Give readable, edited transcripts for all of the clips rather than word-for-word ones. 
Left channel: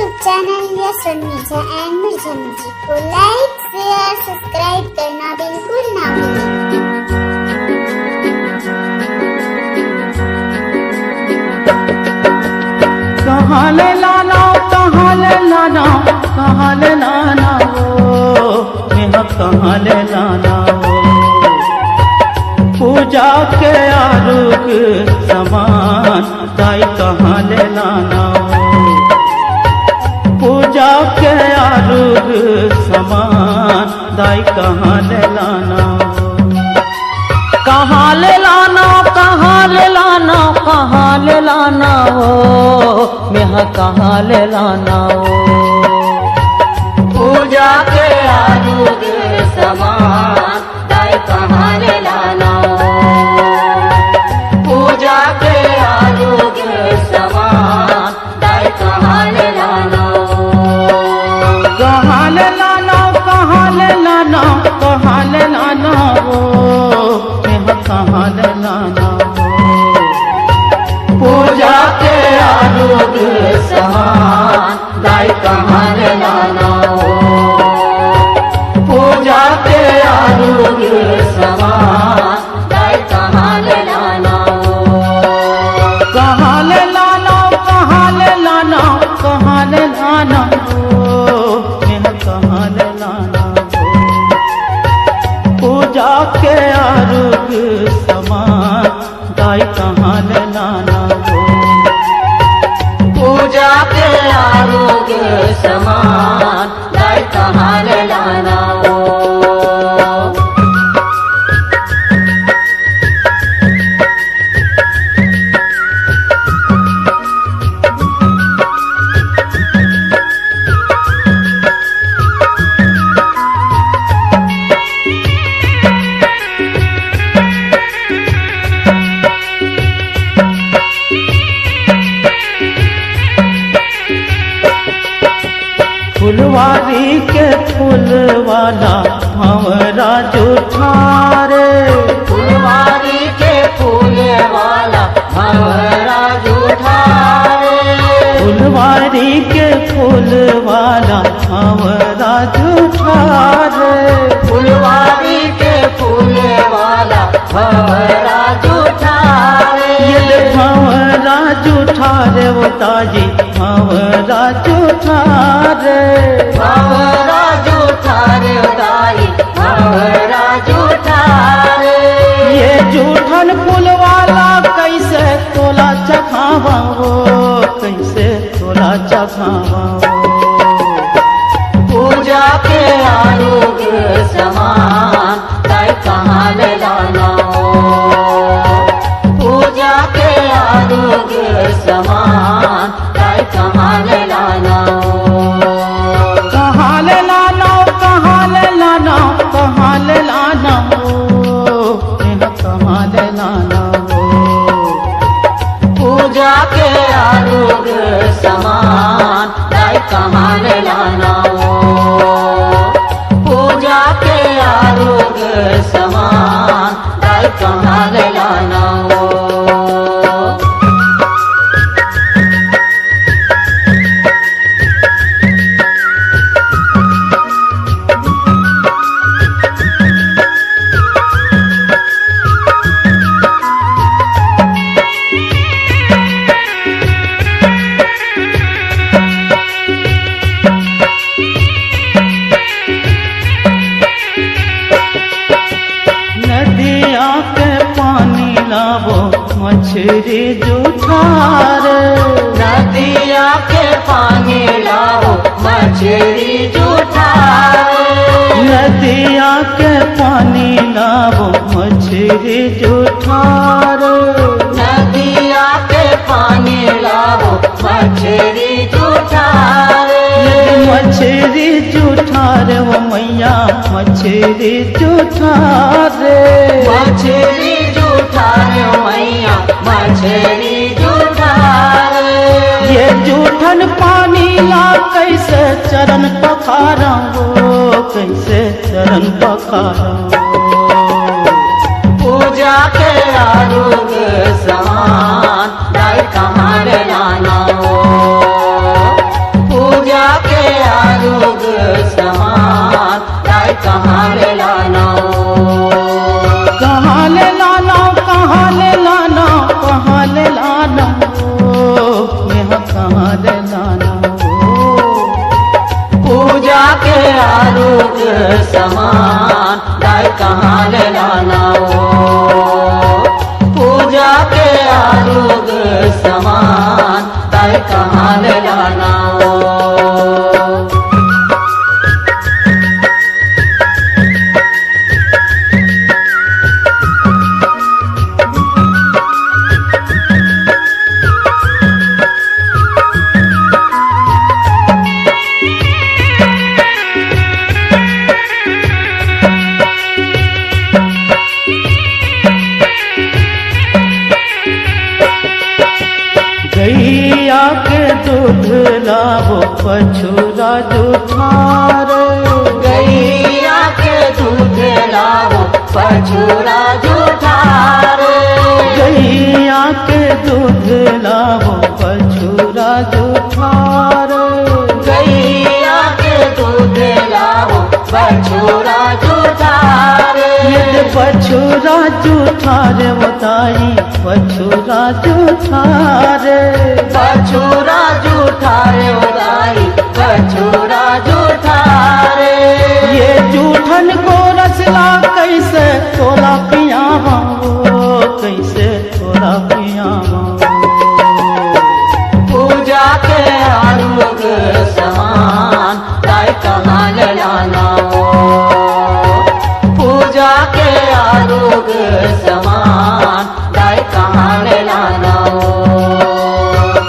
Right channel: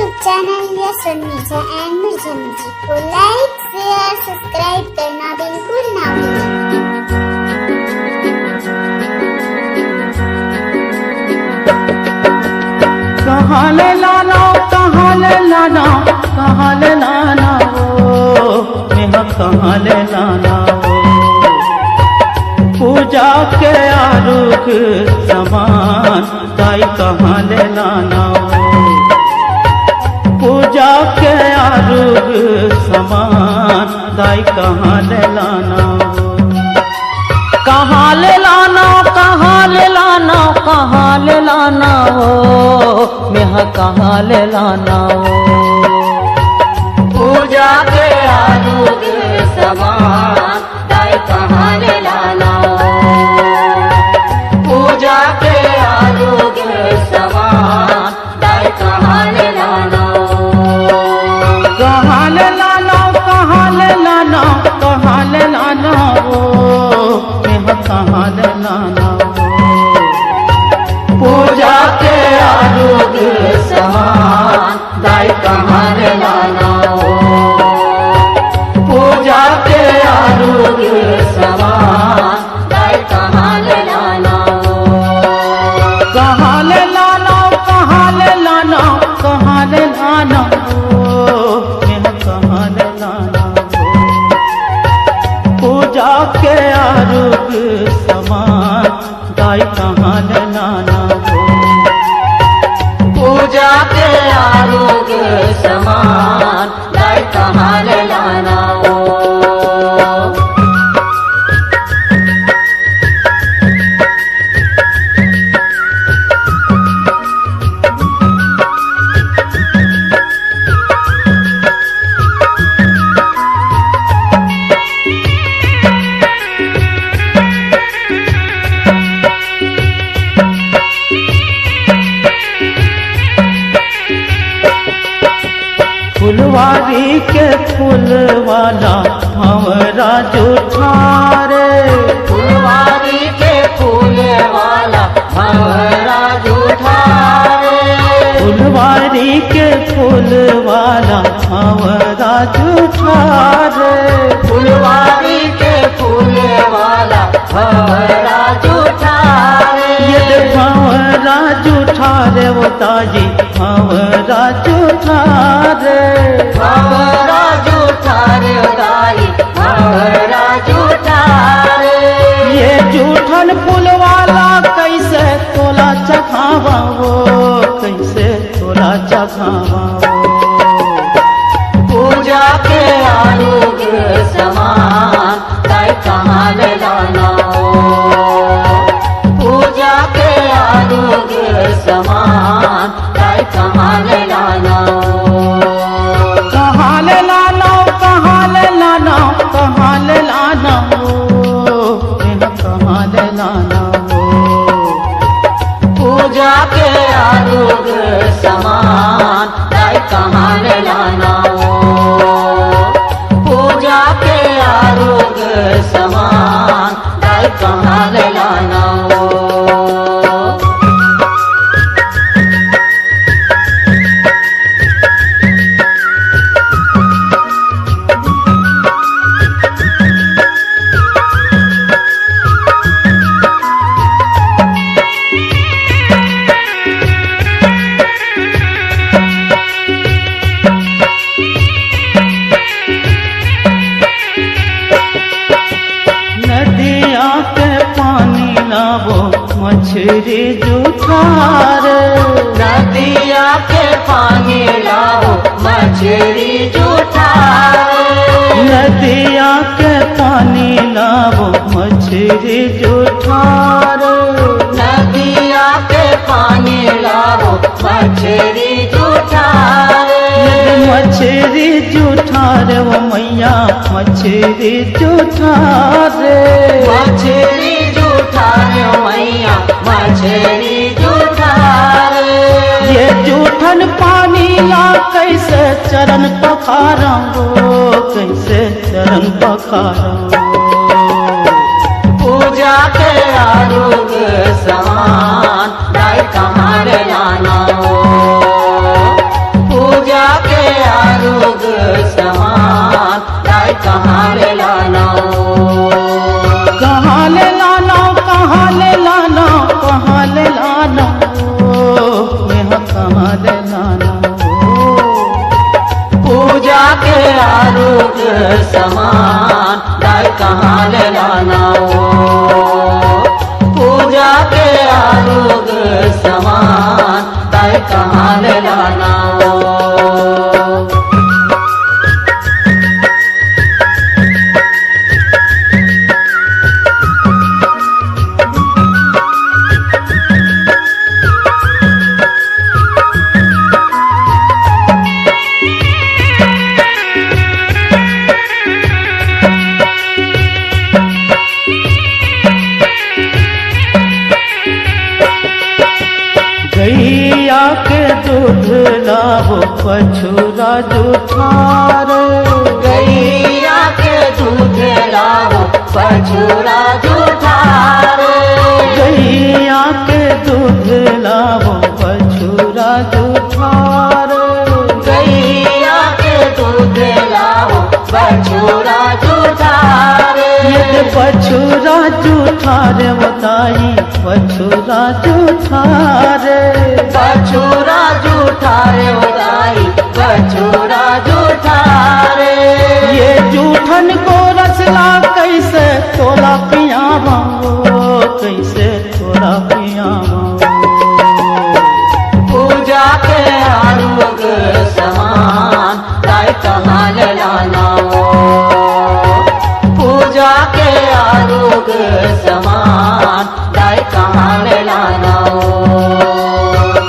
YouTube channel yes Mirza and Mirza music को like share subscribe करना बिल्कुल ना भूलें। कहाँ ले लाना कहाँ ले लाना कहाँ ले लाना वो मेरा कहाँ ले लाना वो पूजा के आरूप समान ताई कहाँ ले लाना वो पूजा के आरूप समान ताई कहाँ ले लाना वो कहाँ ले लाना कहाँ ले लाना कहाँ ले लाना हो मैं कहाँ ले लाना हो पूजा के आरोग्य समान दाई कहाँ ले लाना हो पूजा के आरोग्य समान दाई कहाँ ले लाना हो कहाँ ले लाना कहाँ ले लाना कहाँ ले लाना हो कहाँ ले लाना हो पूजा के आरोग्य समान दाई कहाँ ले लाना हो पूजा के आरोग्य समान दाई कहाँ ले लाना हो कहाँ ले लाना कहाँ ले लाना कहाँ ले लाना हो कहाँ ले लाना हो पूजा के आरोग्य समान दाई कहाँ ले लाना हो पूजा के आरोग्य समान दाई कहाँ ले लाना हो फुलवारी के फूल वाला हमारा जुठारे फुलवारी के फूल वाला हमारा जुठारे फुलवारी के फूल वाला हमारा जुठारे फुलवारी के फूल वाला हमारा जुठारे ये हमारा जुठारे वो ताजी हमारा जुठारे हमारा जुठारे दाई हमारा जुठारे ये जूठन फूल वाला कैसे तोला चखावा वो कैसे तोला चखावा वो पूजा के आरोग्य समान दाई कहाँ ले लाना हो पूजा के आरोग्य समान दाई कहाँ ले लाना हो कहाँ ले लाना कहाँ ले लाना कहाँ ले लाना हो कहाँ ले लाना हो पूजा के आरोग्य समान दाई कहाँ ले लाना हो पूजा के आरोग्य समान दाई कहाँ ले लाना हो नदिया के पानी लावो मछली जुठारे नदिया के पानी लावो मछली जुठारे नदिया के पानी लावो मछली जुठारे नदिया के पानी लावो मछली जुठारे मछली जुठारे वो मैया मछली जुठारे मछली जुठारे मैया मछली जुठारे ये जूठन पानी ला कैसे चरण पखारा वो कैसे चरण पखारा पूजा के आरोग्य समान दाई कहाँ ले लाना हो कहाँ ले लाना कहाँ ले लाना कहाँ ले लाना कहाँ ले लाना यहाँ कहाँ ले लाना पूजा के आरोग्य समान दाई कहाँ ले लाना पूजा के आरोग्य समान दाई कहाँ ले लाना गैया के दूध लाओ पछुरा जुठार गैया के दूध लाओ पछुरा जुठार गैया के दूध लाओ पछुरा जुठार गैया के दूध लाओ पछुरा जुठार ये पछुरा जुठार बताई पछुरा जुठार पछुरा जुठार बताई पछुरा जुठार ये जूठन को रसला कैसे तोला पियावा कैसे तोला पियावा पूजा के आरोग्य समान दाई कहाँ ले लाना पूजा के आरोग्य समान दाई कहाँ ले लाना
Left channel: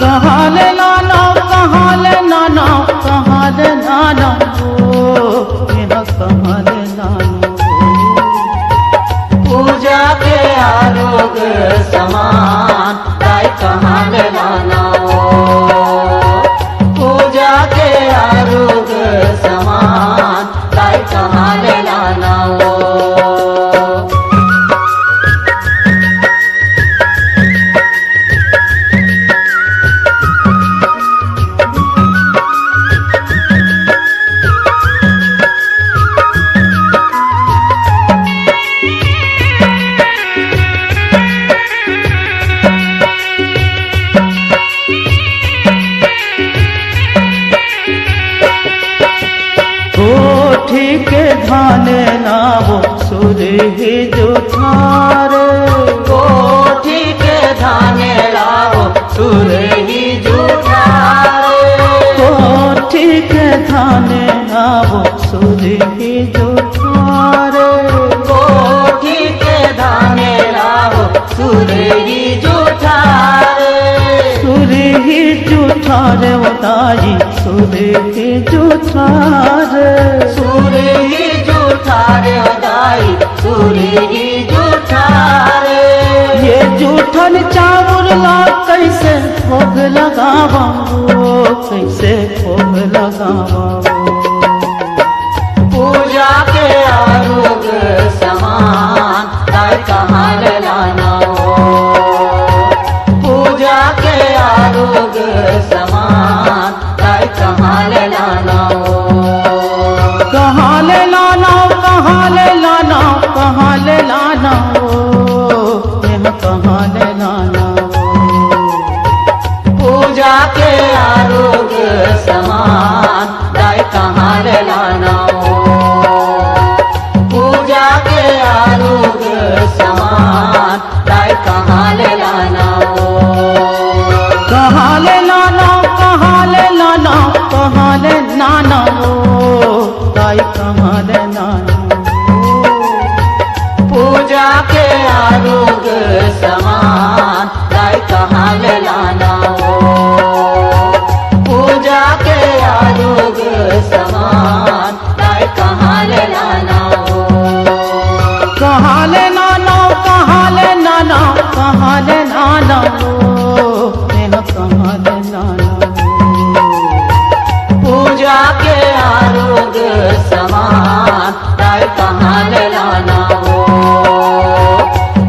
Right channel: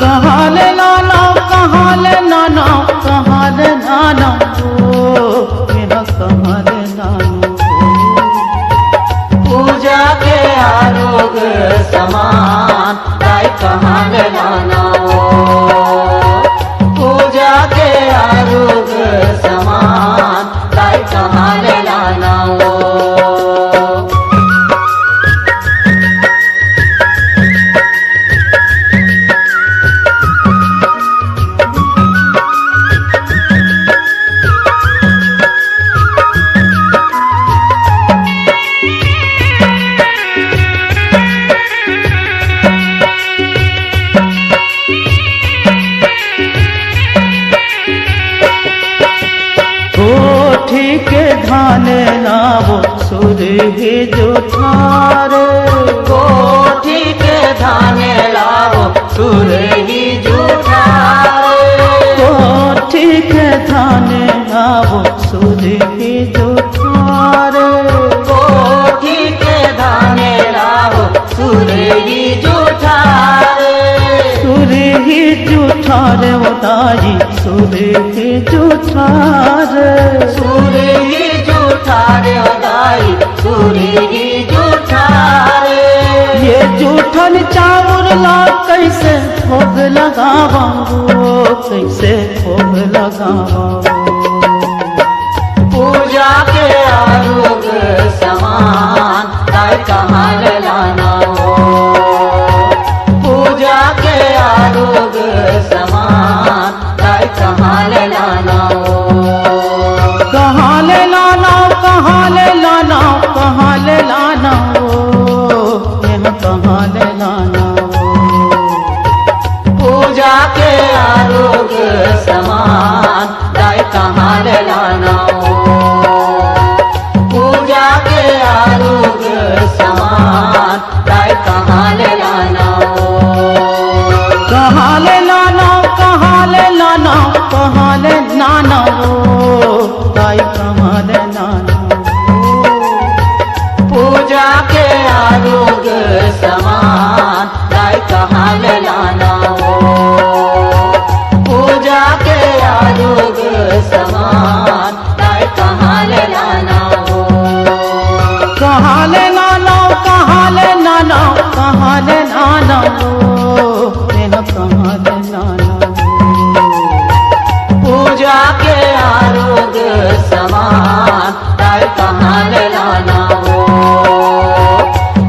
कहाँ ले लाना कहाँ ले लाना कहाँ ले लाना मेरा कहाँ ले लाना पूजा के आरोग्य समान दाई कहाँ ले लाना पूजा के आरोग्य समान दाई कहाँ ले लाना कोठी के धान लाओ सुरभि जुठार कोठी के धान लाओ सुरभि जुठार कोठी के धान लाओ सुरभि जुठार कोठी के धान लाओ सुरभि जुठार सुरभि जुठार बताई सुरभि जुठार सुरभि जुठार दाई सुरभि जुठार ये जूठन चावल ला कैसे भोग लगावा कैसे भोग लगावा पूजा के आरोग्य समान दाई कहाँ ले लाना पूजा के आरोग्य समान दाई कहाँ ले लाना कहाँ ले लाना कहाँ ले लाना कहाँ ले लाना कहाँ ले लाना पूजा के आरोग्य समान दाई कहाँ ले लाना पूजा के आरोग्य समान दाई कहाँ ले लाना कहाँ ले लाना कहाँ ले लाना कहाँ ले लाना दाई कहाँ ले लाना पूजा के आरोग्य समान दाई कहाँ ले लाना पूजा के आरोग्य समान दाई कहाँ ले लाना कहाँ ले लाना कहाँ ले लाना कहाँ ले लाना मेरा कहाँ ले लाना पूजा के आरोग्य समान दाई कहाँ ले लाना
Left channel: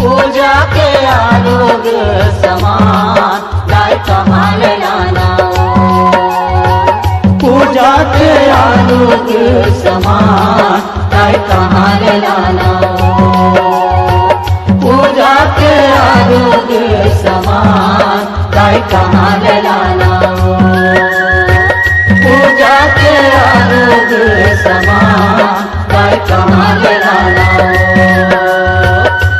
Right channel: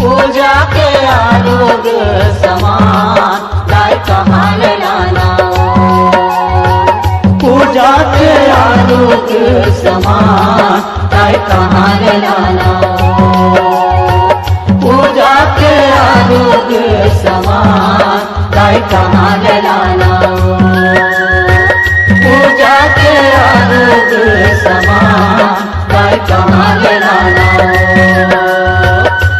पूजा के आरोग्य समान दाई कहाँ ले लाना पूजा के आरोग्य समान गाय कहाँ ले लाना पूजा के आरोग्य समान गाय कहाँ ले लाना पूजा के आरोग्य समान गाय कहाँ